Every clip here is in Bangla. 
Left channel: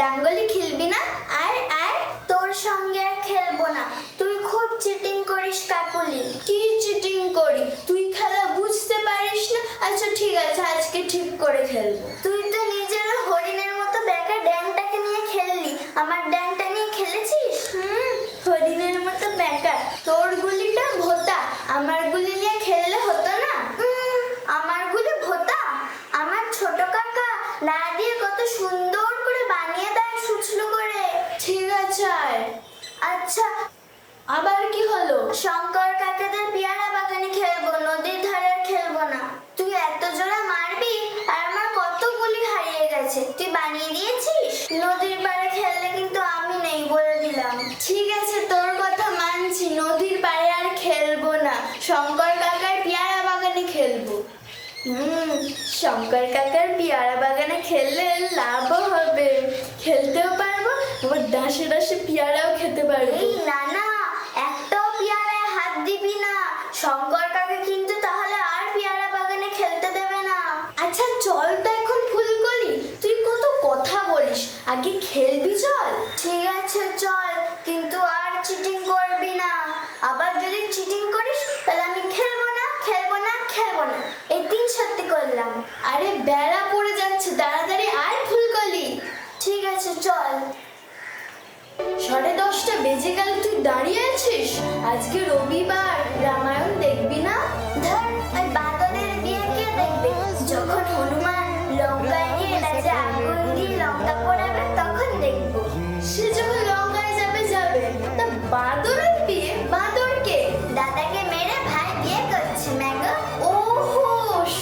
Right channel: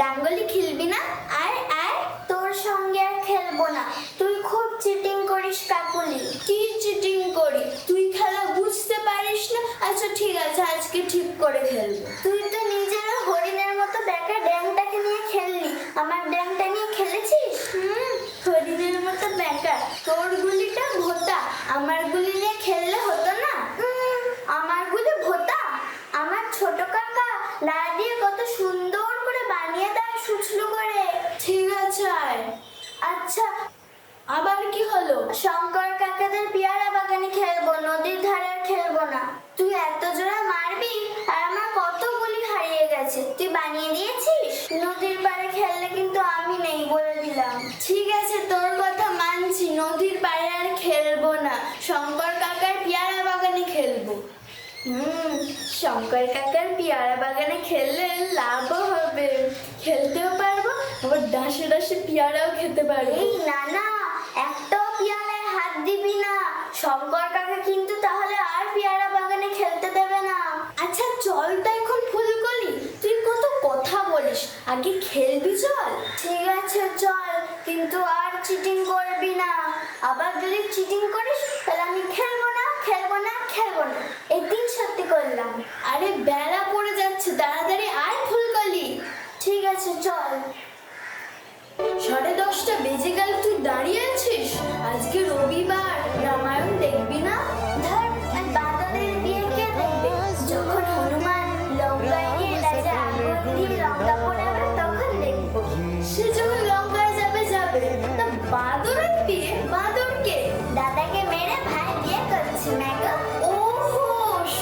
ডাঙ্গলি খেলবি না? আয় আয়, তোর সঙ্গে আর খেলবো না। তুই খুব চিটিং করিস কাকুলি। কি চিটিং করি? তুই খেলা বুঝতে পারিস না? আচ্ছা ঠিক আছে, আজকে ঠিক করে খেলবো। তুই তো নিজের হরিণের মতো বেকা ড্যাংটাকে নিয়ে খেললি। আমার ড্যাংটা নিয়ে খেলেছিস? হরিণের মতো বেকা। তোর গুলিটা ভোতা, আমার গুলি নিয়ে খেললে হতো না? আমার গুলি ভোতা? আমার ছোট কাকা না দিয়ে কত সুন্দর করে বানিয়ে দেয় সুচলু করে। ঠিক আছে। আচ্ছা, আবার কি হলো? শঙ্কর কাকাদের পেয়ারা বাগানে খেলবো, নদীর ধারে আর খেলবো না। তুই এত জোরে মারবি, আর আমার কত গুলি হারিয়ে গেছে। তুই বানিয়ে দিয়েছিস? নদীর পাড়ে খেললে কিন্তু আমি নেই, বলে দিলাম। ঠিক আছে, তোর কথা মানছি, নদীর পাড়ে আর খেলবো না, শঙ্কর কাকার পেয়ারা বাগানে খেলবো। শঙ্কর কাকার পেয়ারা বাগানে খেললে লাভও হবে, খেলতেও পারবো, আবার ডাসে ডাসে পেয়ারাও খেতে পারবো। এই না না, একটাও পেয়ারায় হাত দিবি না, শঙ্কর কাকা কিন্তু তাহলে আর পেয়ারা বাগানে খেলতে দেবে না। আচ্ছা চল তো এখন ফুলকলি, তুই কত কথা বলিস, আগে খেলবি চল। ঠিক আছে চল, কিন্তু আর চিটিং করবি না। আবার যদি চিটিং করিস তাহলে আমি খেলবো না, খেলবো না, খেলবো না, এই দিন সত্যি করলাম। আরে বেলা পড়ে যাচ্ছে, তাড়াতাড়ি আয় ফুলকলি। ঠিক আছে চল। 10:30 বেজে গেল, তুই দাঁড়িয়ে আছিস? আজকে রবিবার, রামায়ণ দেখবি না? ধর, ওই বাঁদরের বিয়ে কে দেখবে? যখন হনুমান লঙ্কায় গিয়ে রাজা আগুন দিয়ে লঙ্কা পোড়াবে তখন দেখবো। সে যখন লঙ্কায় যাবে যাবে, তা বাঁদরের বিয়ে? বাঁদরকে দাদাকে মেরে ভাই বিয়ে করছে ম্যাগো। ওহো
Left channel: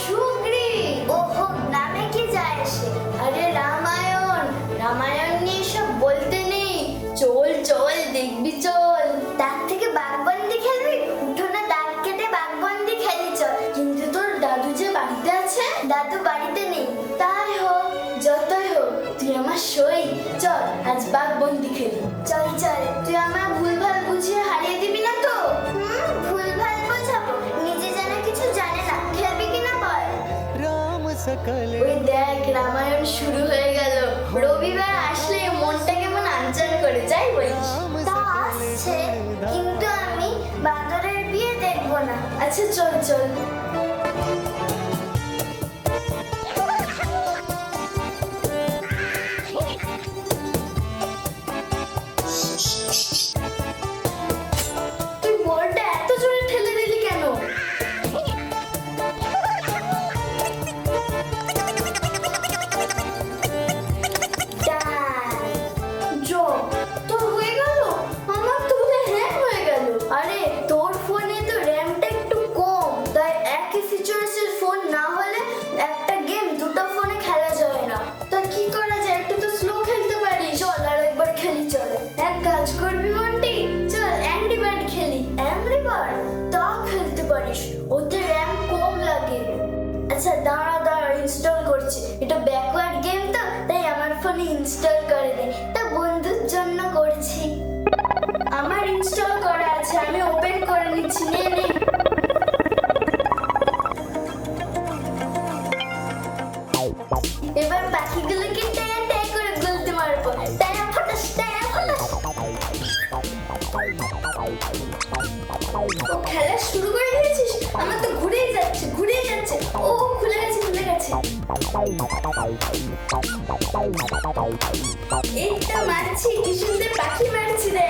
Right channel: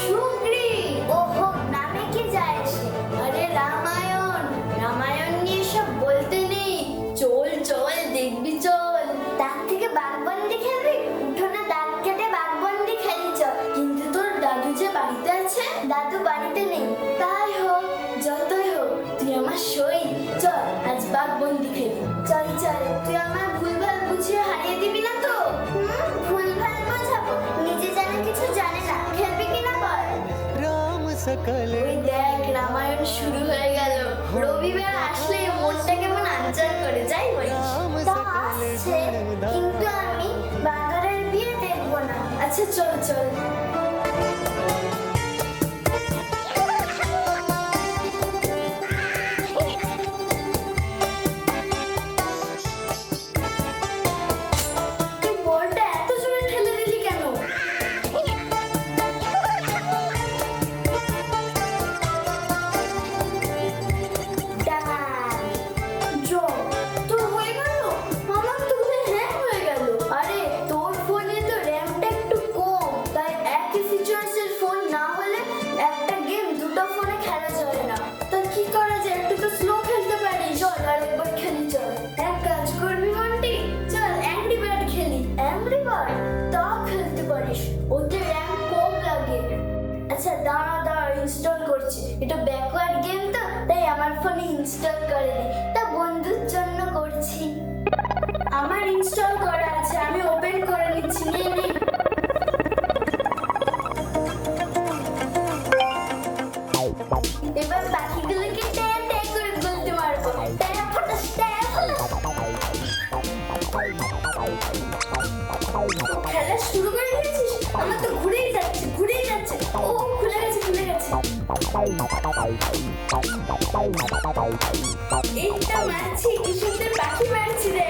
সুগ্রী, ওহো নামে কি যায় সে? আরে রামায়ণ, রামায়ণ নিয়ে সব বলতে নেই, চল চল দেখবি চল। তার থেকে বাঘবন্দি খেলবি? উঠোনে দাগ কেটে বাঘবন্দি খেলি চল। কিন্তু তোর দাদু যে বাড়িতে আছে? দাদু বাড়িতে নেই। তাই হোক, যতই হোক, তুই আমার সই, চল আজ বাঘবন্দি খেলি। চল চল, তুই আমার ভুলভাল বুঝিয়ে হারিয়ে দিবি না তো? ভুলভাল বোঝাবো? নিজে জানে কিছু জানে না, খেলবি কিনা বল? ওই দেখ, রামায়ণ শুরু হয়ে গেল। রবিবার আসলে মনটা কেমন আনচান করে, যাই বলিস। তা আসছে, কিন্তু আমি বাঁদরের বিয়ে দেখবো না। আচ্ছা চল চল। তুই বলটা এত জোরে ঠেলে দিলি কেন? তোর হয়ে গেল? আমার তো হ্যাং হয়ে গেল। আরে তোর ফোনে তো র্যামটা একটু কম, তাই একই ফিচার্সের ফোন না হলে একটা গেম দুটো ফোনে খেলা যায় না। তা কি করা যায়? একটু তো স্লো খেলতে পারি। চল আরেকবার খেলি চল। এক কাজ করবি বন্টি, চল অ্যাংরি বার্ড খেলি। Angry bird? তাও খেলতে পারিস, ওতে র্যাম কম লাগে। আচ্ছা দাঁড়া দাঁড়া, ইনস্টল করছি। এটা ব্যাকওয়ার্ড গেম তো, তাই আমার ফোনে ইনস্টল করে দে। তা বন্ধুর জন্য করছি। আমার ইনস্টল করা আছে, আমি ওপেন করে নিচ্ছি। নে নে। এবার বাকিগুলোকে ট্যাঁ ট্যাঁ করে বলতে মারবো। ট্যাঁ ফাটাস, ট্যাঁ ফাটাস। খেলা শুরু করে দিয়েছিস? আমার তো ঘুরেই যাচ্ছে, ঘুরেই যাচ্ছে। ও খুলে গেছে, খুলে গেছে। এই তো মারছি, কি সুন্দর পাখি মারছি রে।